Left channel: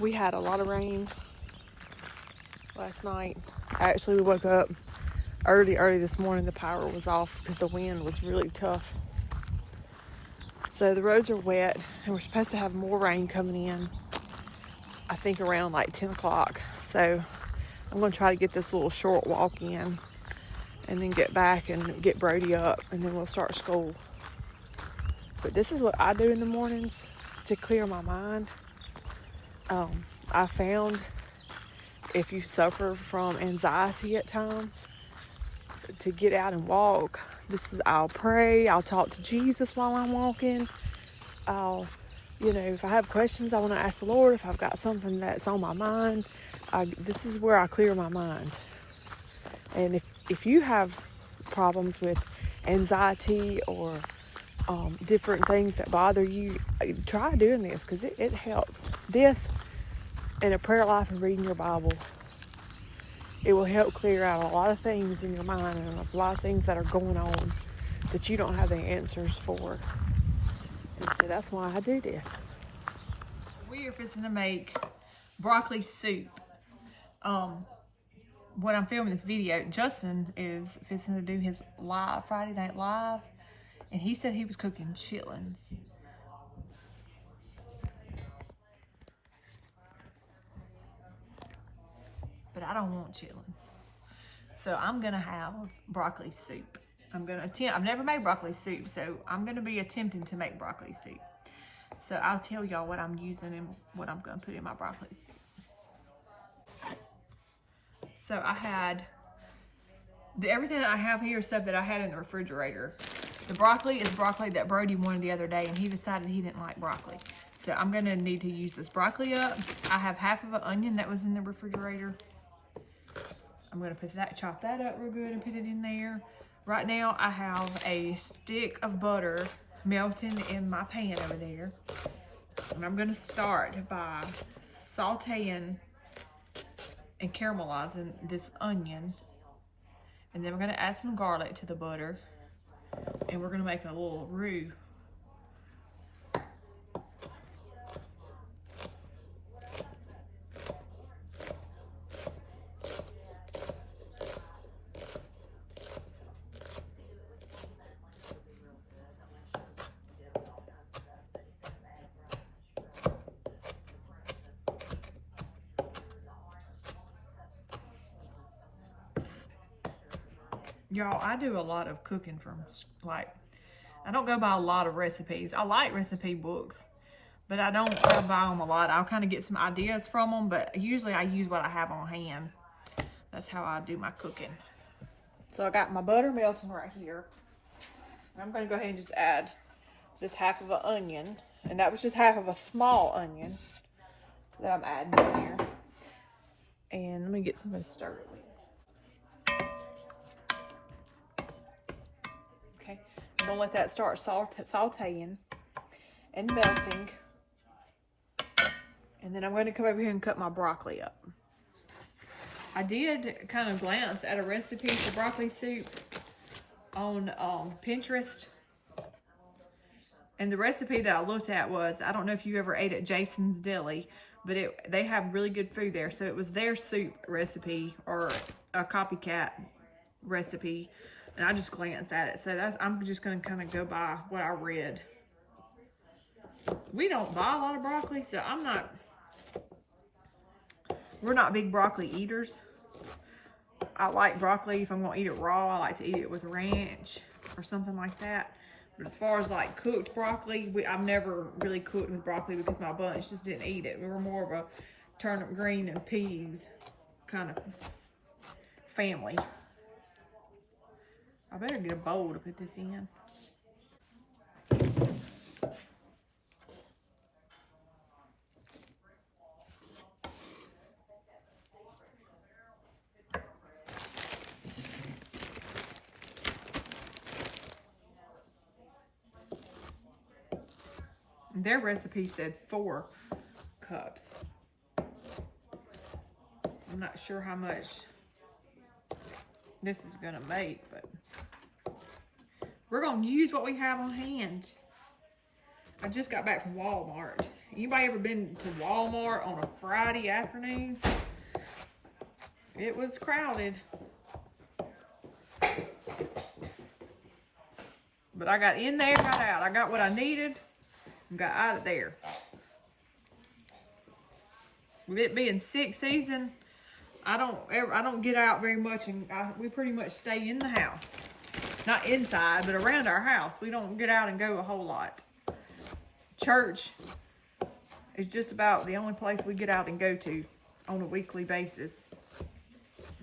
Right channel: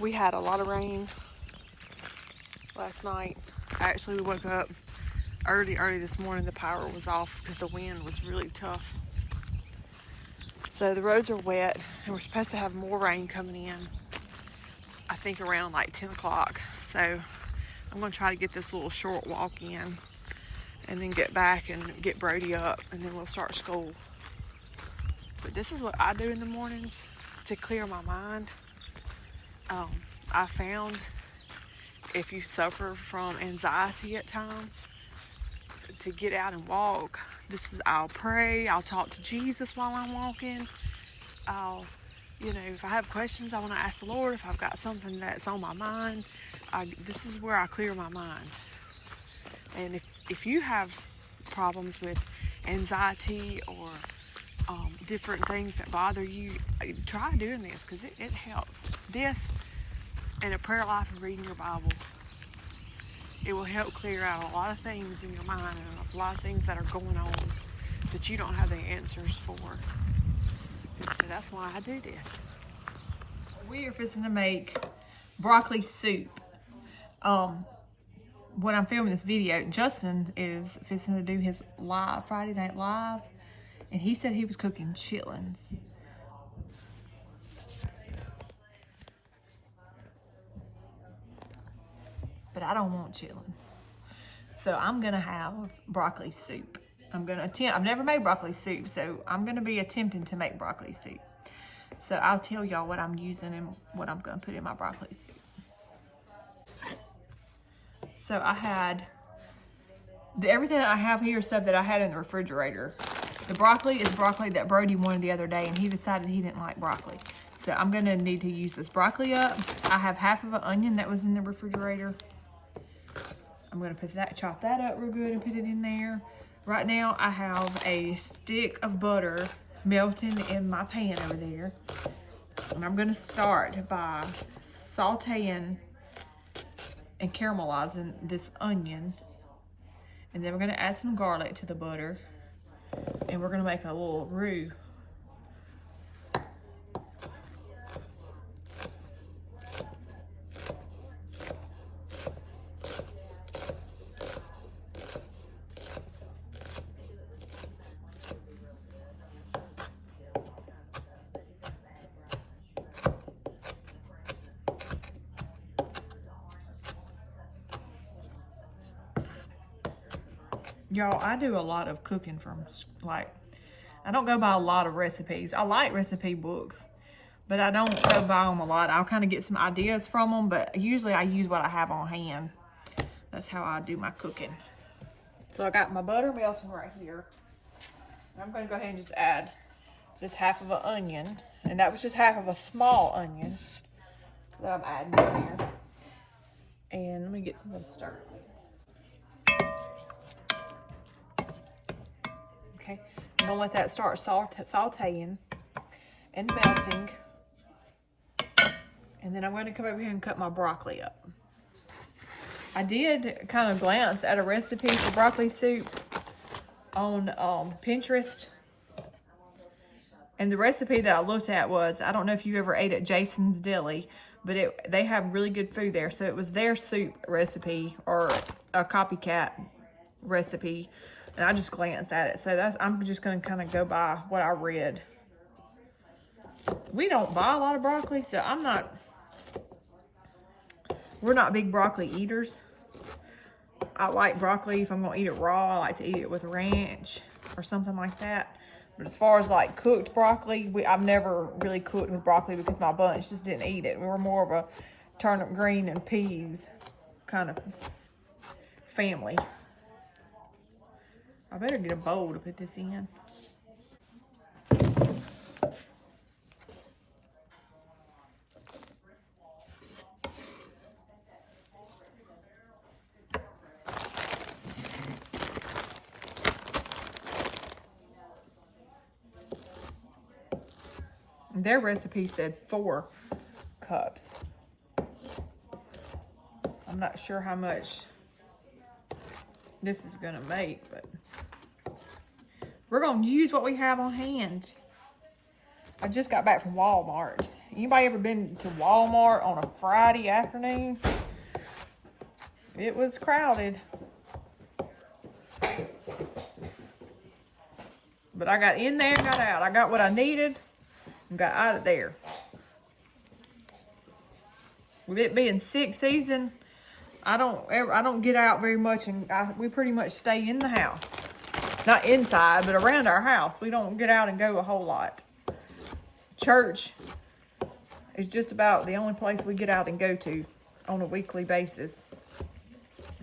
We had a lot of rain last night. Actually, we woke up early this morning. The power was off because the wind was really tough. So the roads are wet, and we're supposed to have more rain coming in, I think around like 10 o'clock. So I'm going to try to get this little short walk in and then get back and get Brody up, and then we'll start school. But this is what I do in the mornings to clear my mind. I found if you suffer from anxiety at times, to get out and walk, I'll pray, I'll talk to Jesus while I'm walking. If I have questions I want to ask the Lord, if I've got something that's on my mind, this is where I clear my mind. And if you have problems with anxiety or different things that bother you, try doing this, because it helps. This and a prayer life and reading your Bible, it will help clear out a lot of things in your mind and a lot of things that are going on that you don't have the answers for. And so that's why I do this. We are fixing to make broccoli soup. When I'm filming this video, Justin is fixing to do his Friday Night Live, and he said he was cooking chitlins. But I don't want chitlins. So I'm gonna have broccoli soup. I've never made broccoli soup, so I'm gonna be attempting to make broccoli soup. So I'll tell y'all what I'm using and what I'm gonna put in my broccoli soup. So I had, everything that I have here is stuff that I had in the refrigerator. The broccoli is broccoli that Brody wanted the other day, and he decided he didn't like broccoli. So I'm gonna need to use this broccoli up. I have half of an onion that was in the refrigerator. I'm gonna chop that up real good and put it in there. Right now I have a stick of butter melting in my pan over there. And I'm gonna start by sauteing and caramelizing this onion. And then we're gonna add some garlic to the butter. And we're gonna make a little roux. Y'all, I do a lot of cooking from, I don't go by a lot of recipes. I like recipe books, but I don't go by them a lot. I'll kind of get some ideas from them, but usually I use what I have on hand. That's how I do my cooking. So I got my butter melting right here. I'm going to go ahead and just add this half of an onion. And that was just half of a small onion that I'm adding in here. And let me get some of this stirred. Okay, I'm gonna let that start sauteing and melting. And then I'm gonna come over here and cut my broccoli up. I did kind of glance at a recipe for broccoli soup on Pinterest. And the recipe that I looked at was, I don't know if you ever ate at Jason's Deli, but they have really good food there. So it was their soup recipe or a copycat recipe. And I just glanced at it. So I'm just going to kind of go by what I read. We don't buy a lot of broccoli, so we're not big broccoli eaters. I like broccoli if I'm going to eat it raw. I like to eat it with ranch or something like that. But as far as like cooked broccoli, I've never really cooked with broccoli because my bunch just didn't eat it. We were more of a turnip green and peas kind of family. I better get a bowl to put this in. Their recipe said 4 cups. I'm not sure how much this is gonna make, but we're gonna use what we have on hand. I just got back from Walmart Anybody ever been to Walmart on a Friday afternoon? It was crowded. But I got in there and got out. I got what I needed and got out of there. With it being sick season, I don't get out very much, and we pretty much stay in the house. Not inside, but around our house. We don't get out and go a whole lot. Church is just about the only place we get out and go to on a weekly basis.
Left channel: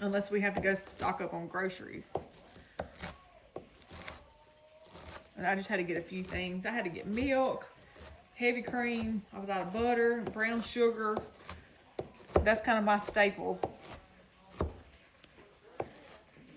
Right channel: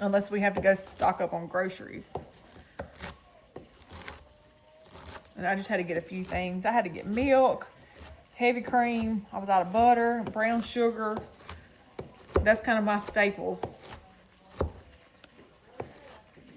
Unless we have to go stock up on groceries. And I just had to get a few things. I had to get milk, heavy cream. I was out of butter, brown sugar. That's kind of my staples.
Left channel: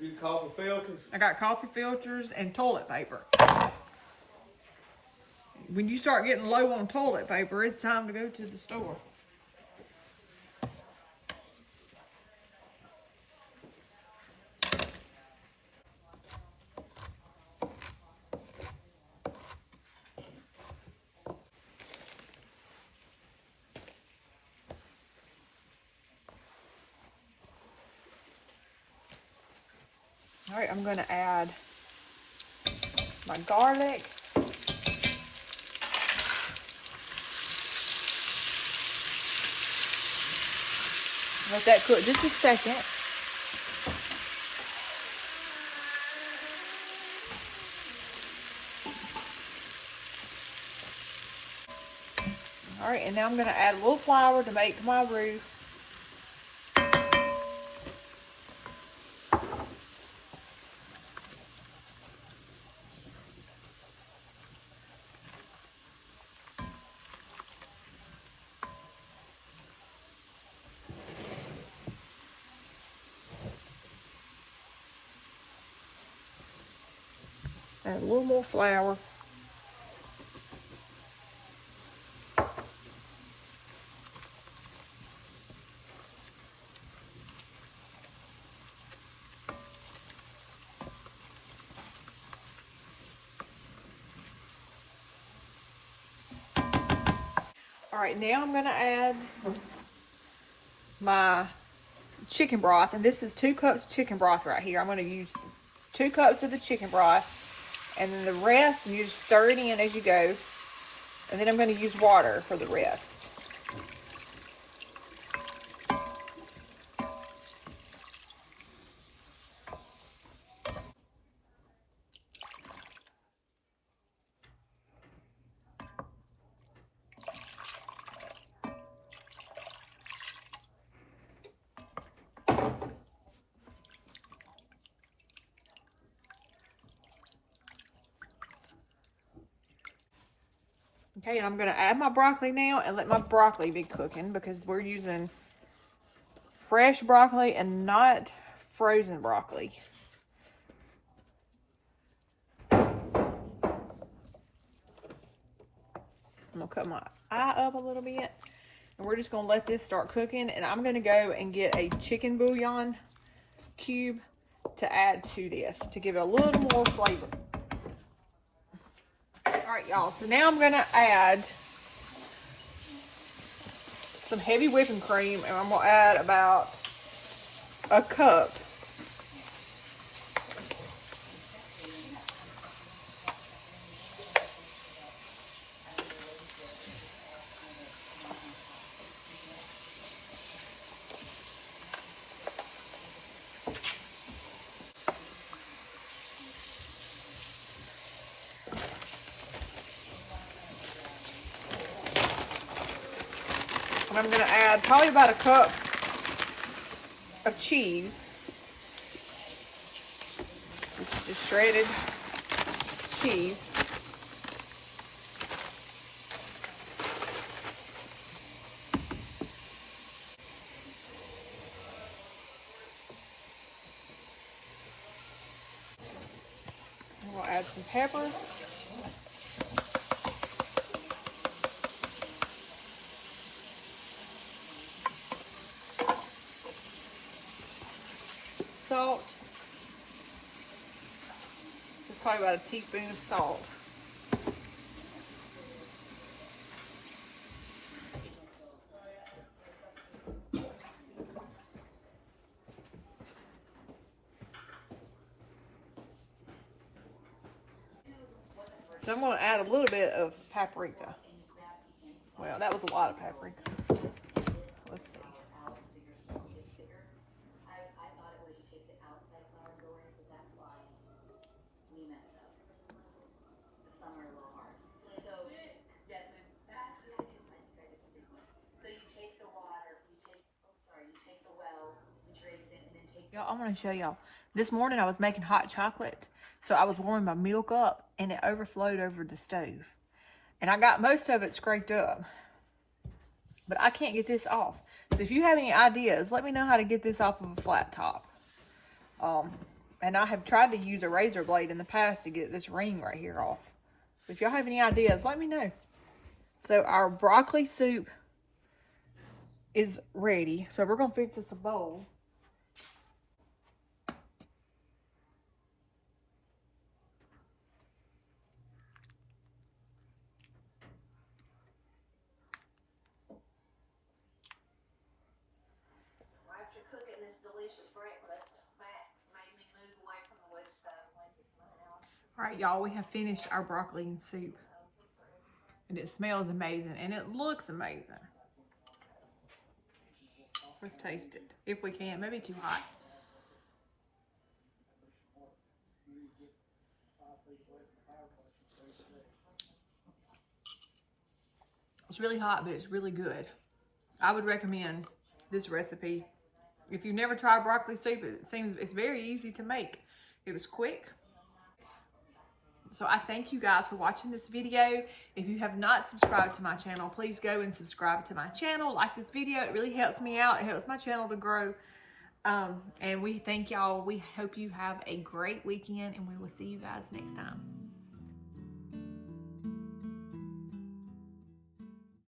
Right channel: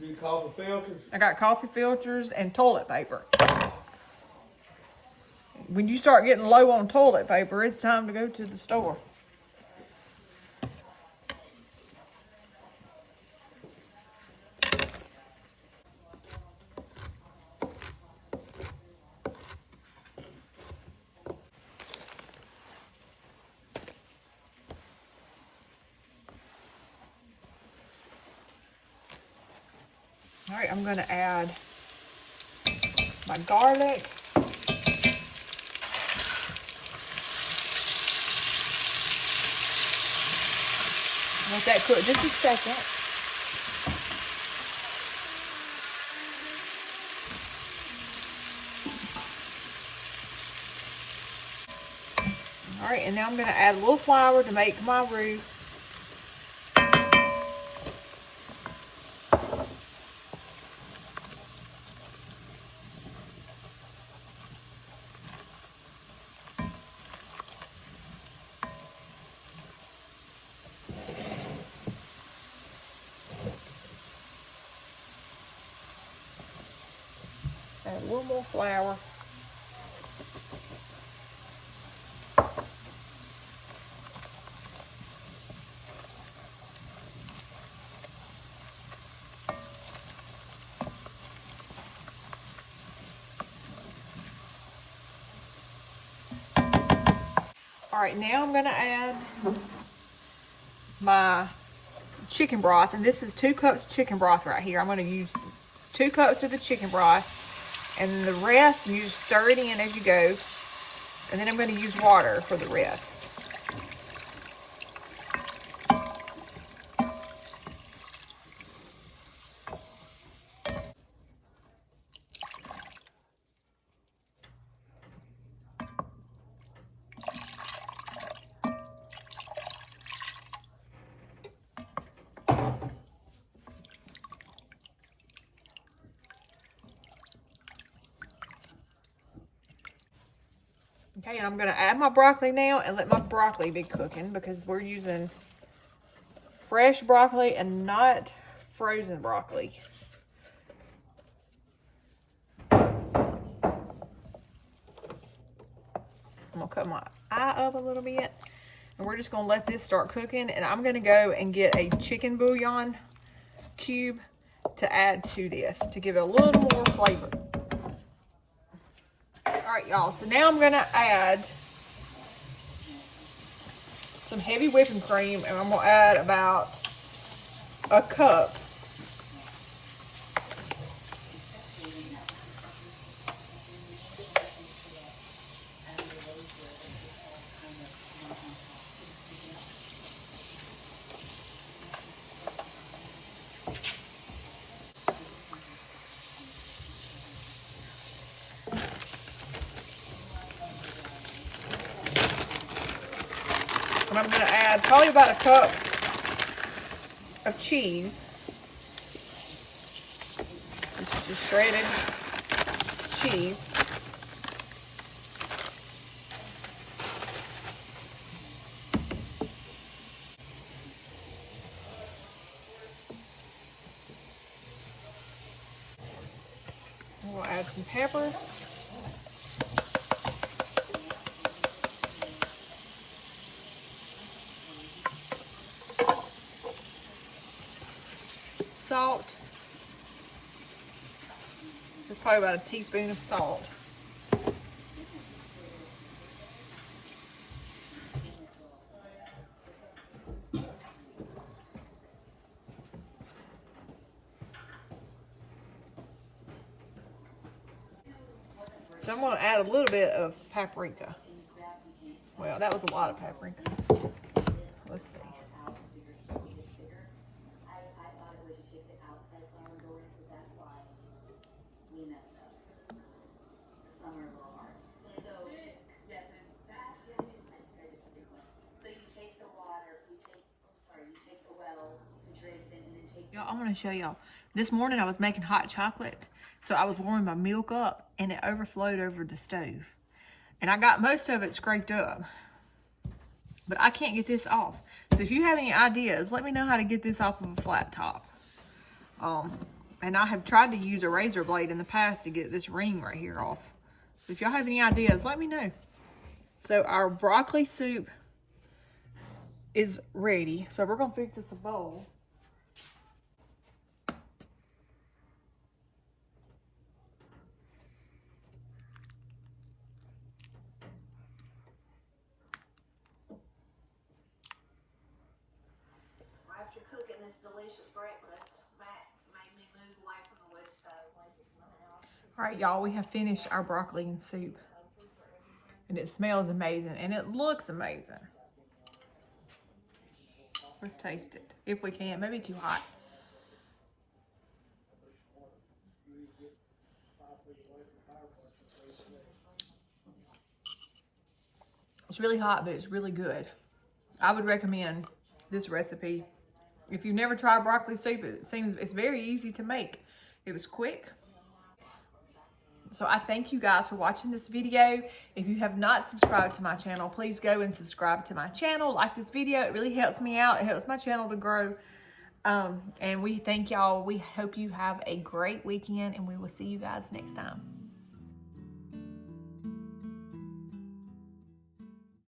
Good coffee filters? I got coffee filters and toilet paper. When you start getting low on toilet paper, it's time to go to the store. All right, I'm gonna add my garlic. Let that cook just a second. All right, and now I'm gonna add a little flour to make my roux. Add a little more flour. All right, now I'm gonna add my chicken broth, and this is 2 cups of chicken broth right here. I'm gonna use 2 cups of the chicken broth, and then the rest, you just stir it in as you go, and then I'm gonna use water for the rest. Okay, I'm gonna add my broccoli now and let my broccoli be cooking because we're using fresh broccoli and not frozen broccoli. I'm gonna cut my eye up a little bit, and we're just gonna let this start cooking, and I'm gonna go and get a chicken bouillon cube to add to this to give it a little more flavor. All right, y'all, so now I'm gonna add some heavy whipping cream, and I'm gonna add about a cup. And I'm gonna add probably about a cup of cheese. This is just shredded cheese. We'll add some pepper. Salt. That's probably about a teaspoon of salt. So I'm going to add a little bit of paprika. Well, that was a lot of paprika. Let's see. Y'all, I want to show y'all. This morning I was making hot chocolate, so I was warming my milk up, and it overflowed over the stove. And I got most of it scraped up, but I can't get this off. So if you have any ideas, let me know how to get this off of a flat top. And I have tried to use a razor blade in the past to get this ring right here off. So if y'all have any ideas, let me know. So our broccoli soup is ready. So we're gonna fix this a bowl. After cooking this delicious breakfast, Matt made me move away from the wood stove. All right, y'all, we have finished our broccoli and soup. And it smells amazing, and it looks amazing. Let's taste it, if we can. Maybe too hot. It's really hot, but it's really good. I would recommend this recipe. If you've never tried broccoli soup, it's very easy to make. It was quick. So I thank you guys for watching this video. If you have not subscribed to my channel, please go and subscribe to my channel. Like this video, it really helps me out. It helps my channel to grow. And we thank y'all. We hope you have a great weekend, and we will see you guys next time.